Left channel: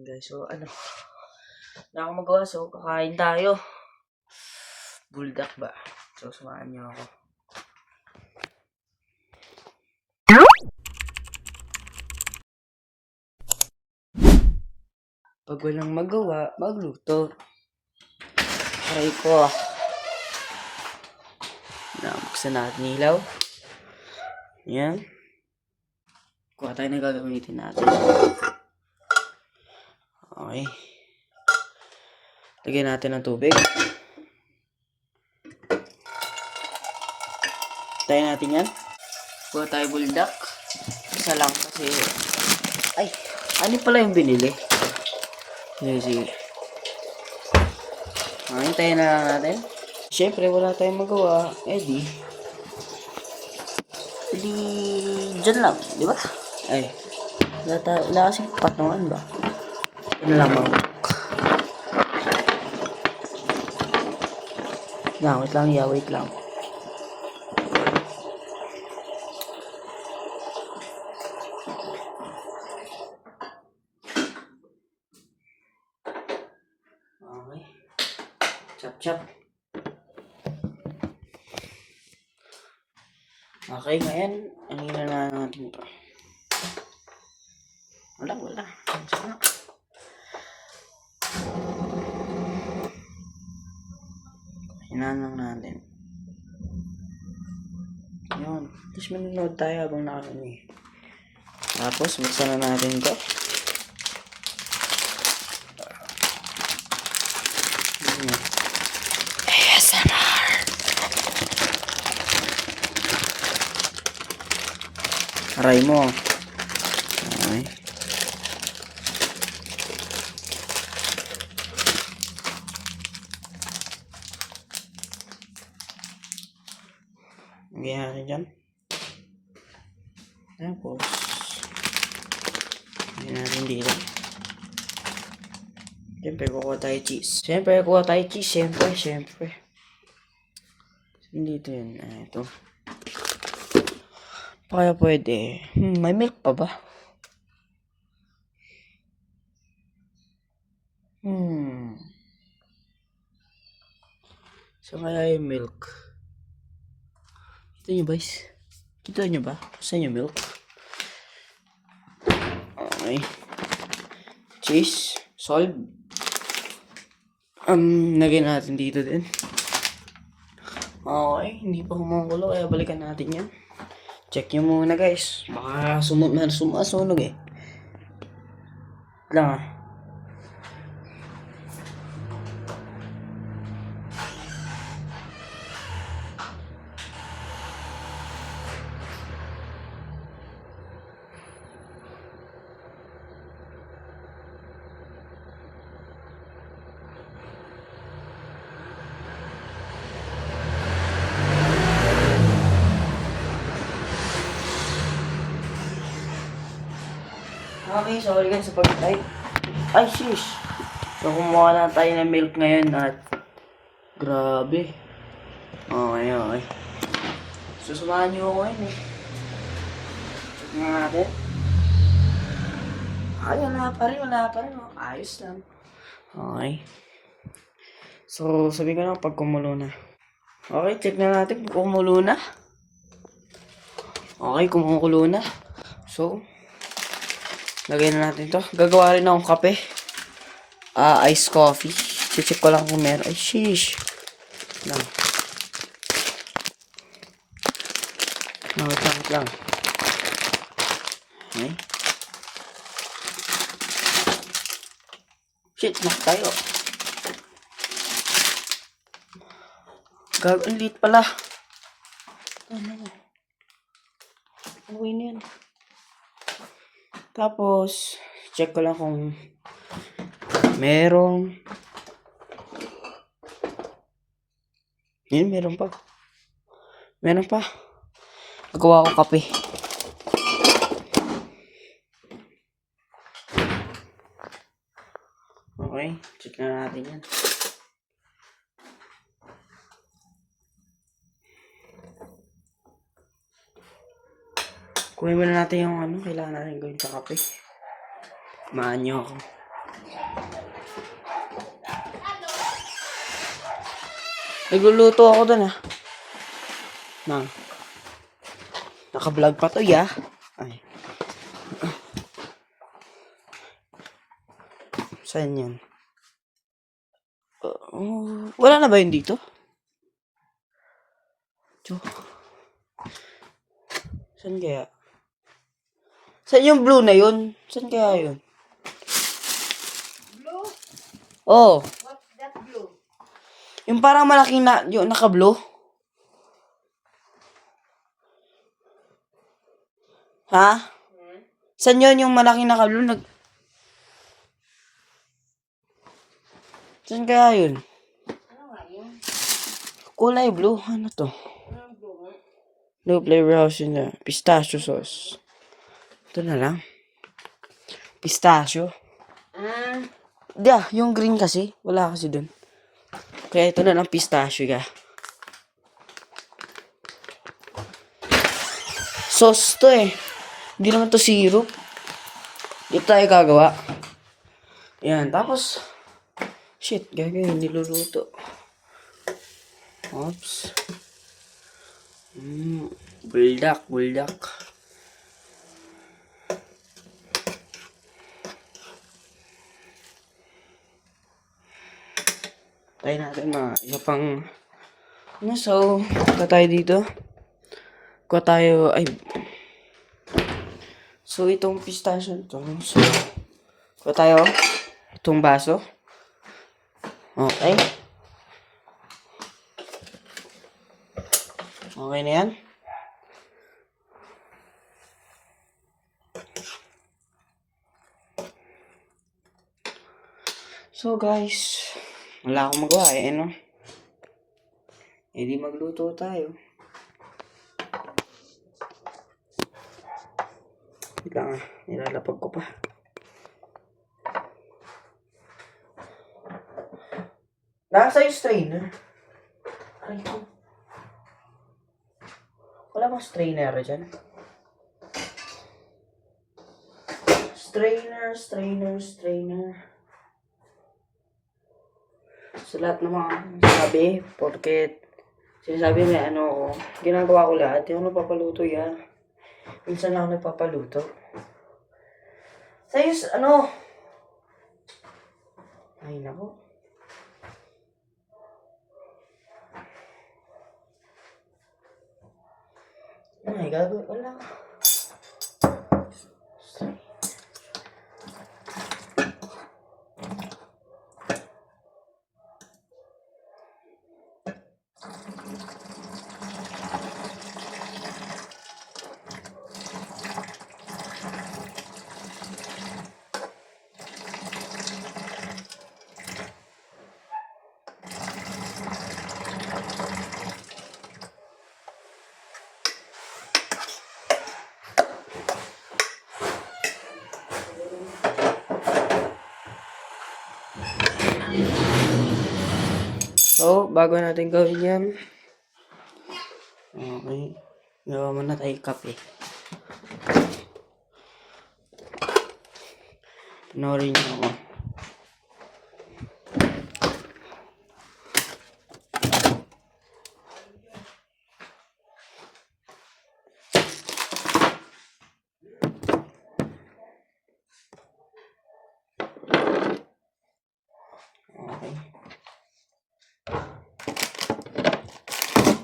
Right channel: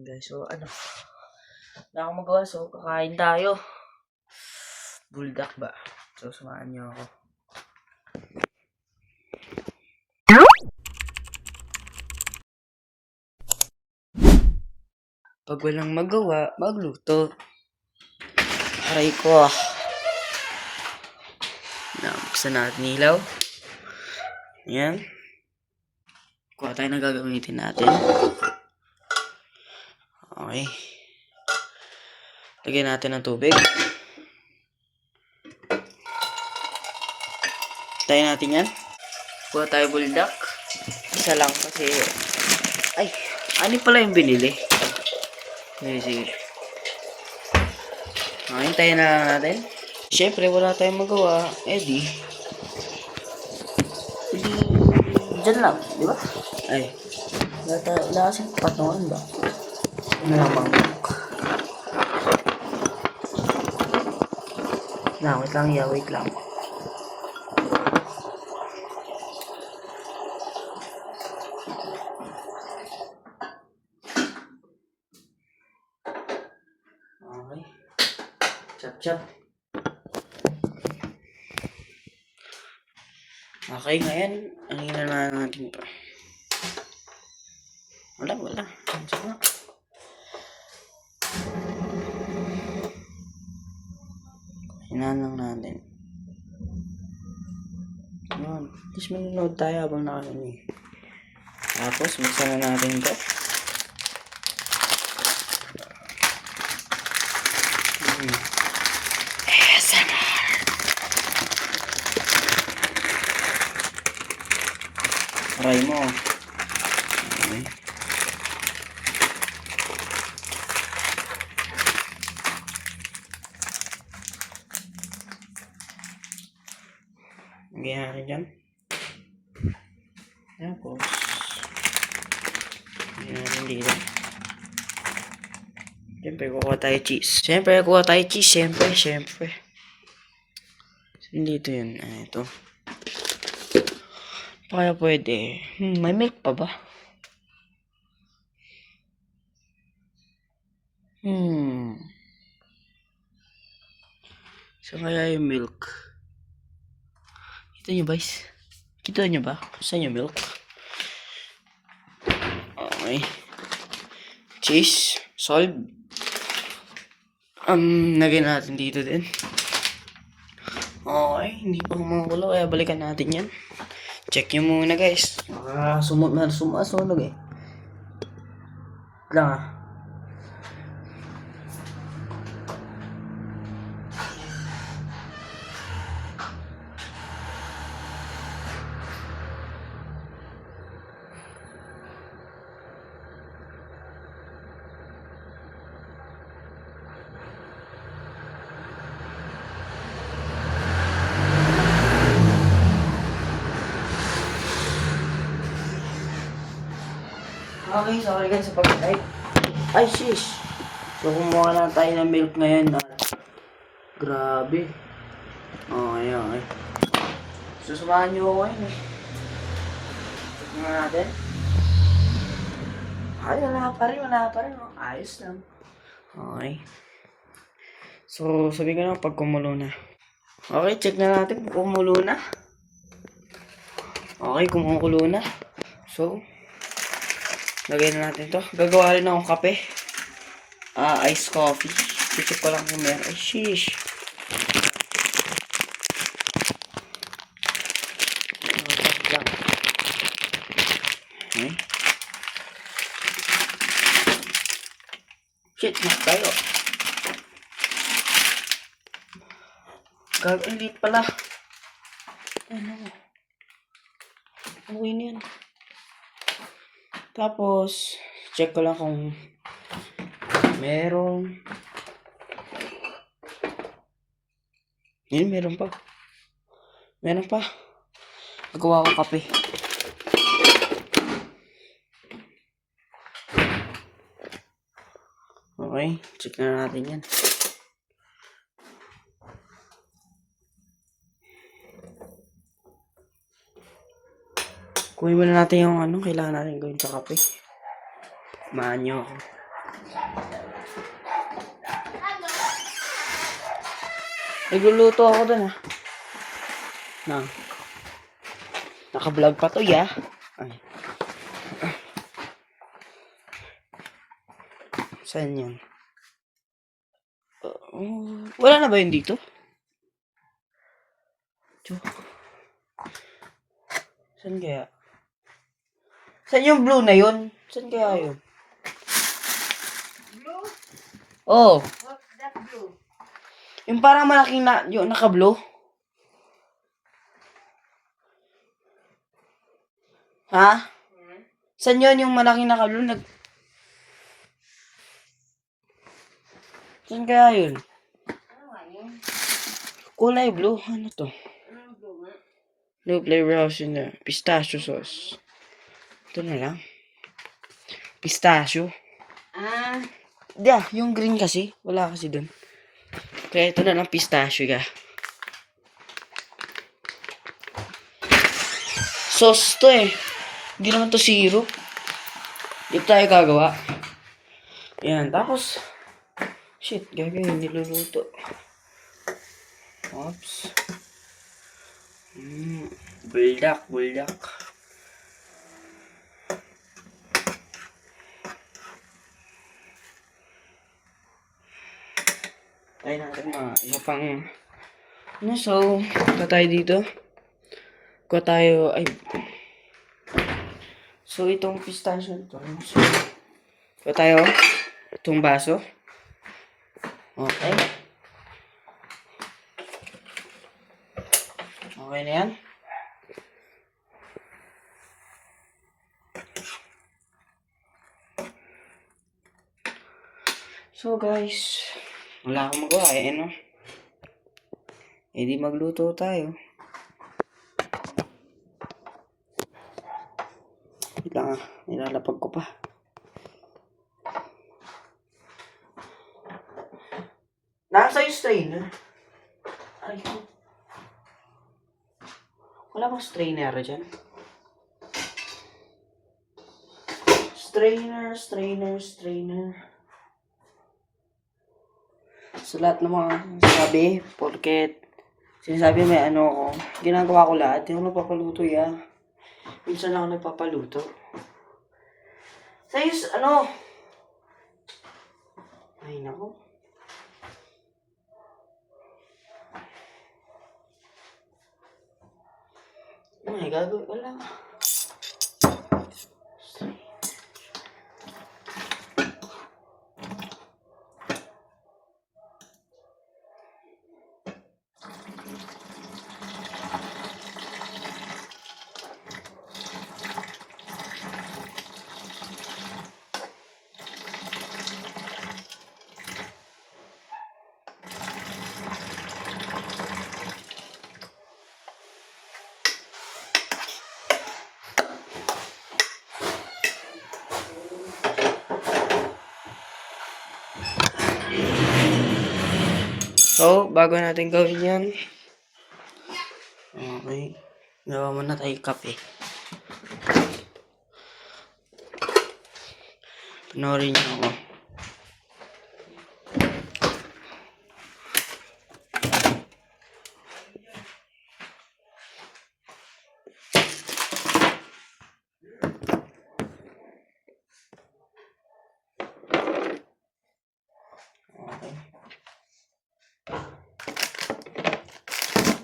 Guys, so na ako magawa, so kakain tayo. Buldak ba? So samahan niyo ako. Pag walang magawa, magluto. Aray ko. Nabuksan natin ilaw. Ayan. Kuha tayo na gagamitin natin. Okay. Lagyan natin ng tubig. Tayo natin yan. Kuha tayo buldak. Isa lang kasi... Ay! Ano pala yung binili? Sige. Hintayin na lang natin. Siyempre, wala tayong magawa. Di dyan lang, di ba? Ay, wala kasing patungan ba? Ano lang ba? Wait lang. Okay. Chop. Okay, ngayon, ang ina na natin pa. Wala. Sama. Hinaan lang natin. Yun. Tapos manonood tayo habang nakakini. Tapos, buksan na natin ito. ASMR. Aray mo. Okay. Lagyan natin dyan. Tapos, lagyan natin dito. Siyempre, kukuha tayo cheese. Siyempre. Dito yun. Ito. Kaya pwede. May milk pa ba? So, kaya yung milk. Kita nyo ba? Saan yung milk? Okay. Cheese. Salt. Lagyan natin dito din. Okay. Hindi pa kumukulo. Kaya balikan natin yan. Check nyo muna guys. Baka sumunog eh. Lang ah. Okay, sorry guys sa pag-type. Ay, sis. So, kumuha na tayo ng milk ngayon at grabe. Okay. So, samahan nyo ako ngayon eh. Check nga natin. Ay, wala pa rin. Ayos lang. Okay. So, sabi ko na pag kumulo na. Okay, check na natin kung kumulo na. Okay, kumukulo na. So, lagay na natin to. Gagawa rin akong kape. Iced coffee. Check ko lang kung meron. Ay, sheesh. Nakatangit lang. Okay. Shit, tayo. Ang liit pala. Okay na yan. Tapos, check ko lang kung merong. Yun, meron pa. Magawa ko kape. Okay, check na natin yan. Kunin muna natin yung kailangan natin gawin sa kape. Mahan nyo ako. Nagluluto ako dun ah. Na. Naka-vlog pa to ya. Ay. Saan yan? Wala na ba yun dito? Ito. Saan kaya? Saan yung blue na yun? Saan kaya yun? Blue? Oh, What's that blue? yung parang malaking na, yung naka-blue. Ha? Saan yun yung malaking naka-blue? Saan kaya yun? Ano nga yun? Kulay blue. Ano to? Anong blue nga? No flavor house in the pistachio sauce. Ito na lang. Pistachio. Ah, Yeah, yung green kasi. Wala kasi dun. Kaya ito na lang pistachio ka. Sauce to eh. Hindi naman to syrup. Ito tayo gagawa. Yan, tapos shit, gagawin, niluluto. Oops. Buldak. Tayo natin na isa pang ano, so, kuha tayo dito. Kuha tayo, ay. So, itong pistachio ito. So, kuha tayo itong baso. Okay. Okay na yan. So guys, wala akong magawa eh, ano? Eh di magluto tayo. Wait lang ah, nilalapag ko pa. Nasa yung strainer. Ay ko. Wala bang strainer dyan? Strainer. Sa lahat ng mga sabi, porket sinasabi may ano, ginagawa ko lahat. Hindi ako nagpapaluto ya. Minsan ako nagpapaluto. Sayos, ano? Ay, nako. Oh my God, wala. So, bago natin gawin yan, okay, gawa muna tayo kape. Panorin niyo ako. Okay.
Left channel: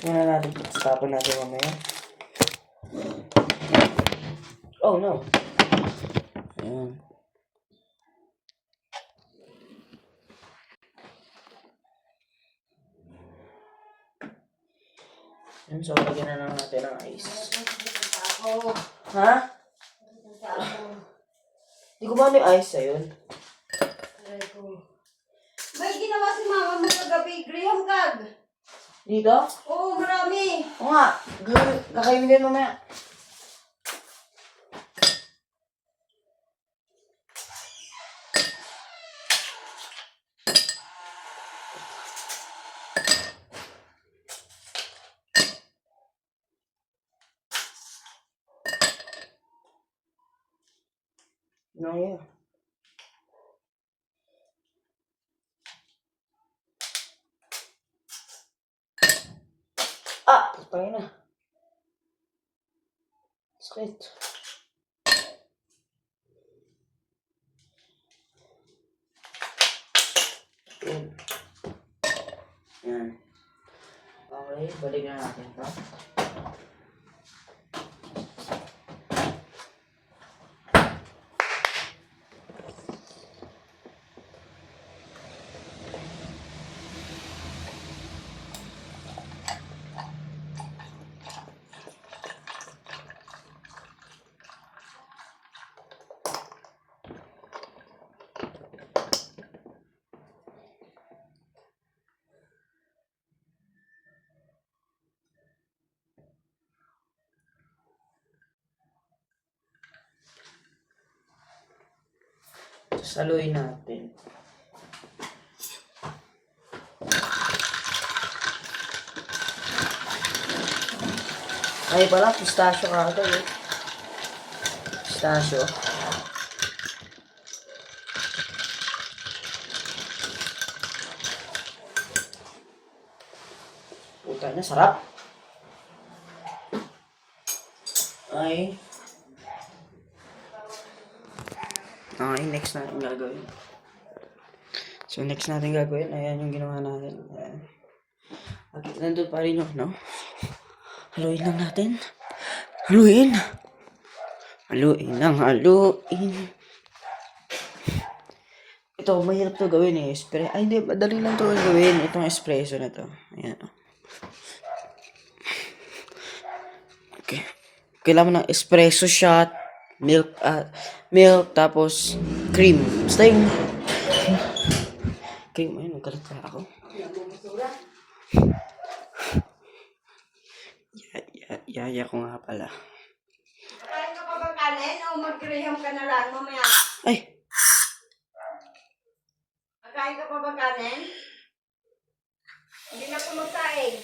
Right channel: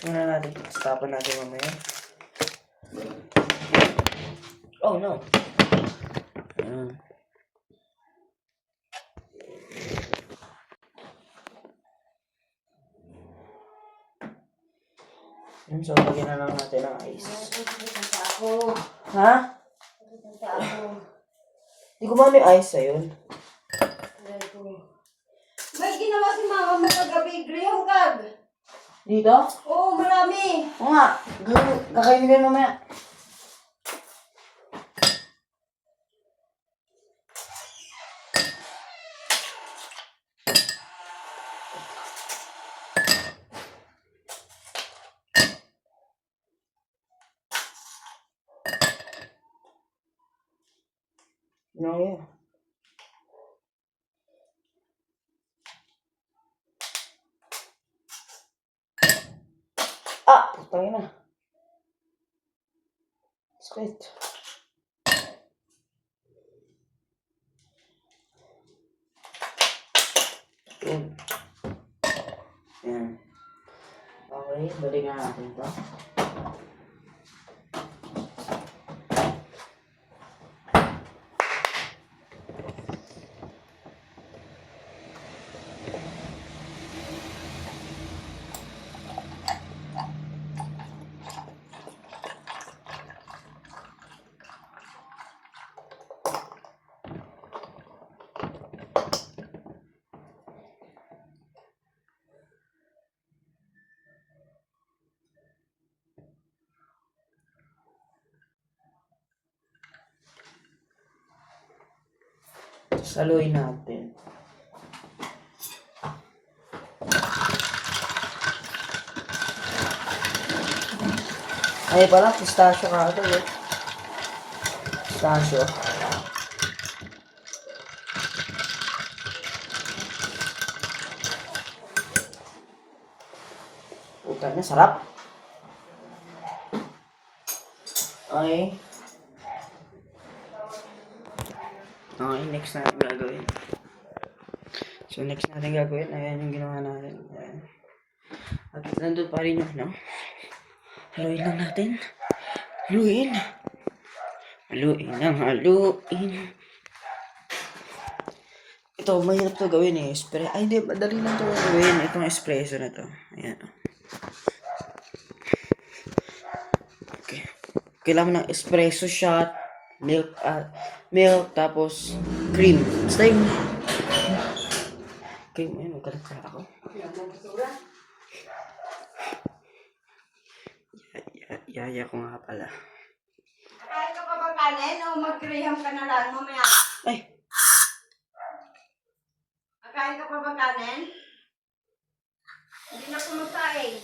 Muna natin, tapan natin mamaya. Oh no. Ayan. Yan, so lagyan na lang natin ng ice. ako. Ha? Di ko ba yung ice ayun? May ginawa si mama mo kagabi, graham card. Dito? Oo, marami. Oo nga. Kakainin ko mamaya. No, yeah. tayo na. Sakit. Yan. Yan. Okay, balikan natin ito. Saluin natin. Ay pala, pistachio ka ito eh. Pistachio. Puta na, sarap. Okay. Okay, next natin gagawin. So, next natin gagawin, ayan yung ginawa natin. Ayan. At nandun pa rin yung, no? Haluin lang natin. Haluin! Haluin lang, haluin. Ito, mahirap to gawin eh. Ay, hindi, madali lang to gawin. Itong espresso na to. Ayan. Okay. Kailangan ng espresso shot, milk, tapos cream. Basta yung cream, ayun, nagkalat na ako. Yaya ko nga pala. Kain ka pa ba kanin o mag-graham ka na lang mamaya? Ay! Kain ka pa ba kanin? Hindi na kumakain.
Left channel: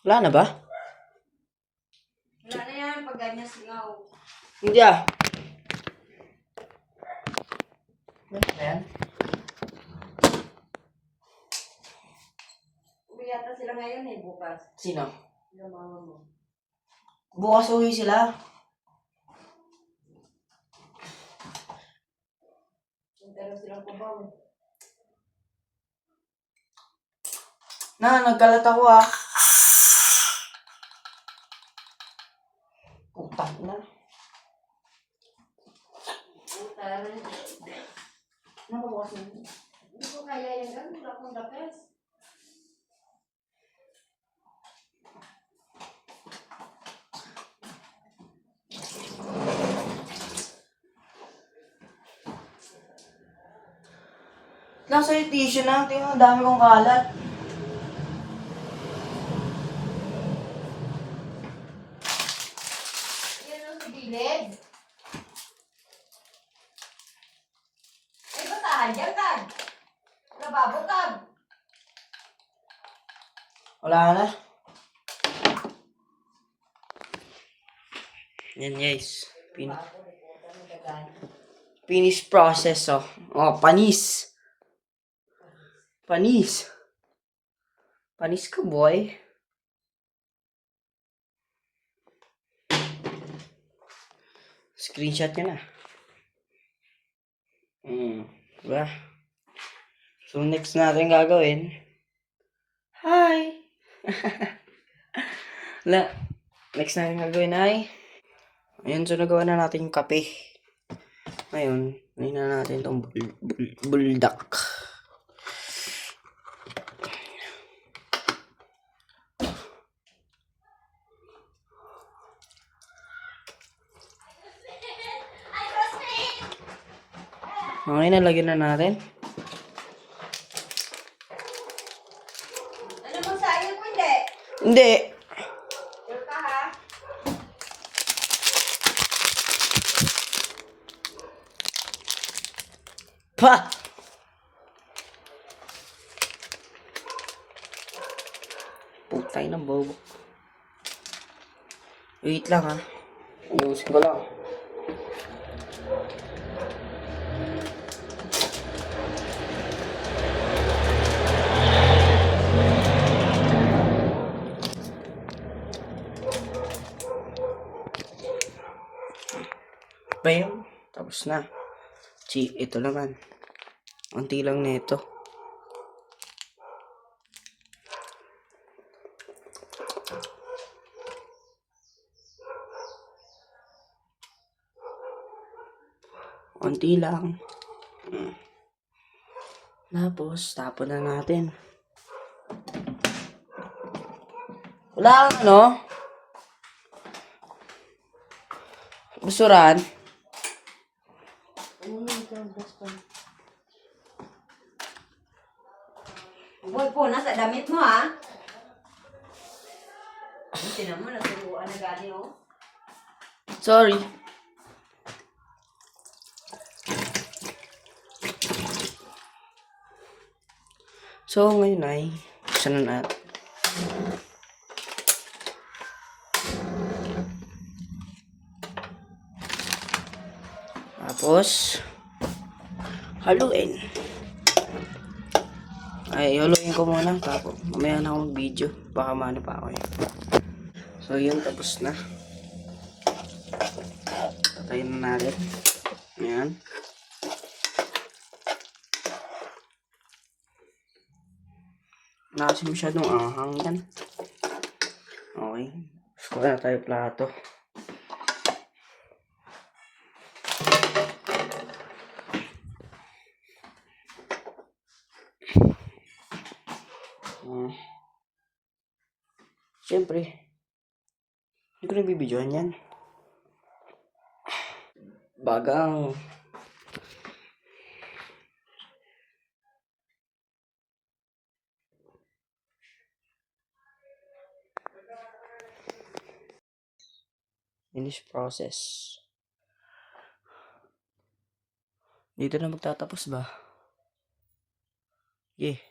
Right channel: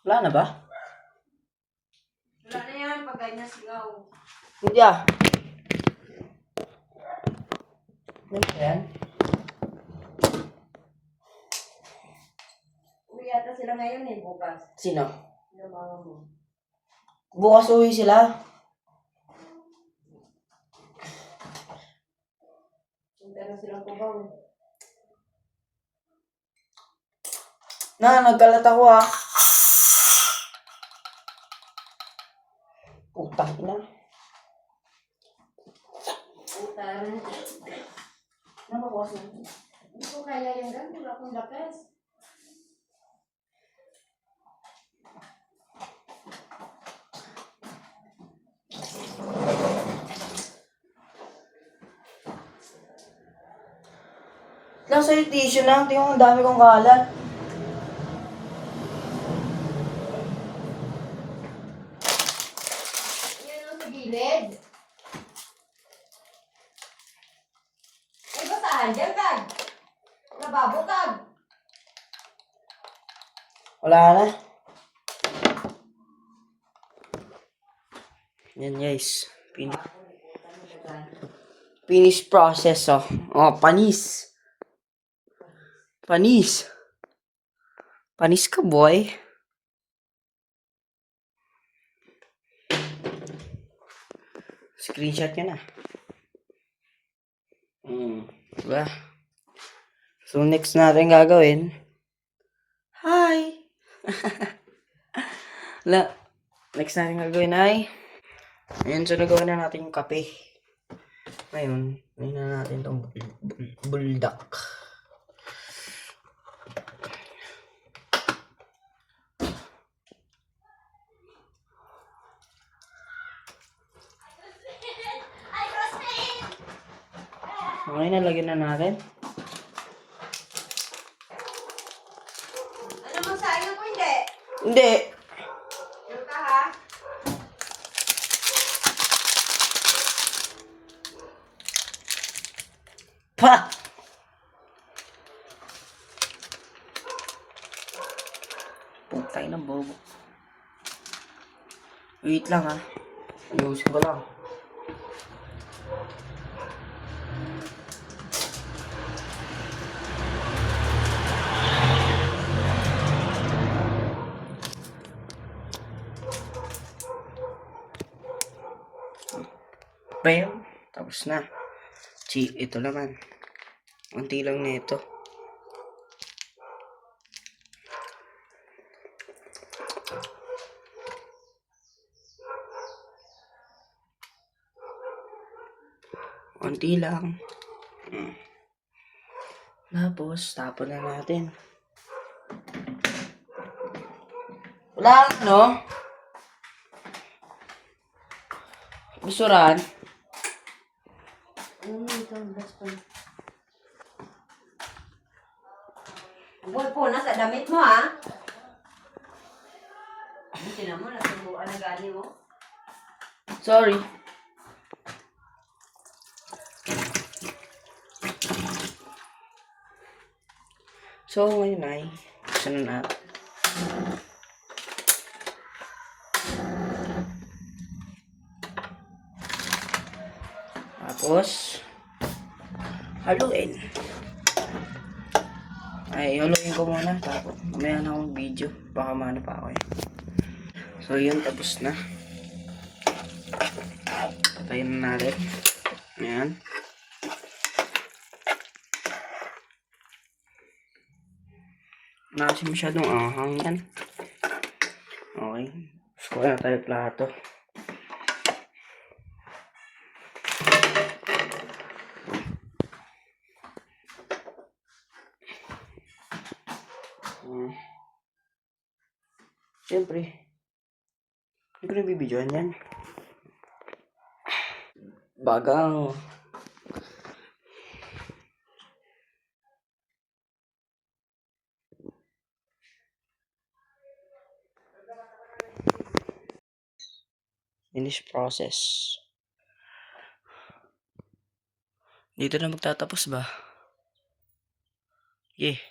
Wala na ba? Wala na yan pag ganyan sigaw. Hindi ah. Ano ba yan? Uwi yata sila ngayon eh, bukas. Sino? Yung mga mo. Bukas uwi sila. Punta na silang kubaw eh. Nagkalat ako ah. Putang ina. Puta na. Nakabukas na. Hindi ko kaya yan gan, wala akong dapes. Lang sa'yo tissue lang. Tingnan mo, ang dami kong kalat. Yan ang sa gilid. May basahan dyan, Kag. Lababo, Kag. Wala na. Yan guys. Finish process oh. Oh, panis. Panis. Panis ka boy. Screenshot ka na. Diba? So next natin gagawin. Hi! Next natin gagawin ay ayun, so nagawa na natin yung kape. Ngayon, ngayon na natin itong buldak. Okay, nalagyan na natin. Ano bang sayang ko hindi? Hindi. Pero ka ha? Pa! Putay ng bobo. Wait lang ha. Ayusin ko lang. Bam! Tapos na. Ito naman. Unti lang nito. Unti lang. Tapos, tapon na natin. Wala kang ano? Busuran? Boy po, nasa damit mo ha. Hindi na mo, natuluan na gani mo. Sorry. So, ngayon ay, saan na natin? Tapos, haluin. Ay, haluin ko muna. Tapos, mamaya na akong video. Baka mano pa ako eh. So, yun. Tapos na. Patayin na natin. Ayan. Wala kasi masyadong anghang yan. Okay. Gusto na tayo plato. Siyempre, hindi ko na bibidyoan yan. Bagang. Finish process. Dito na magtatapos ba? Yeah.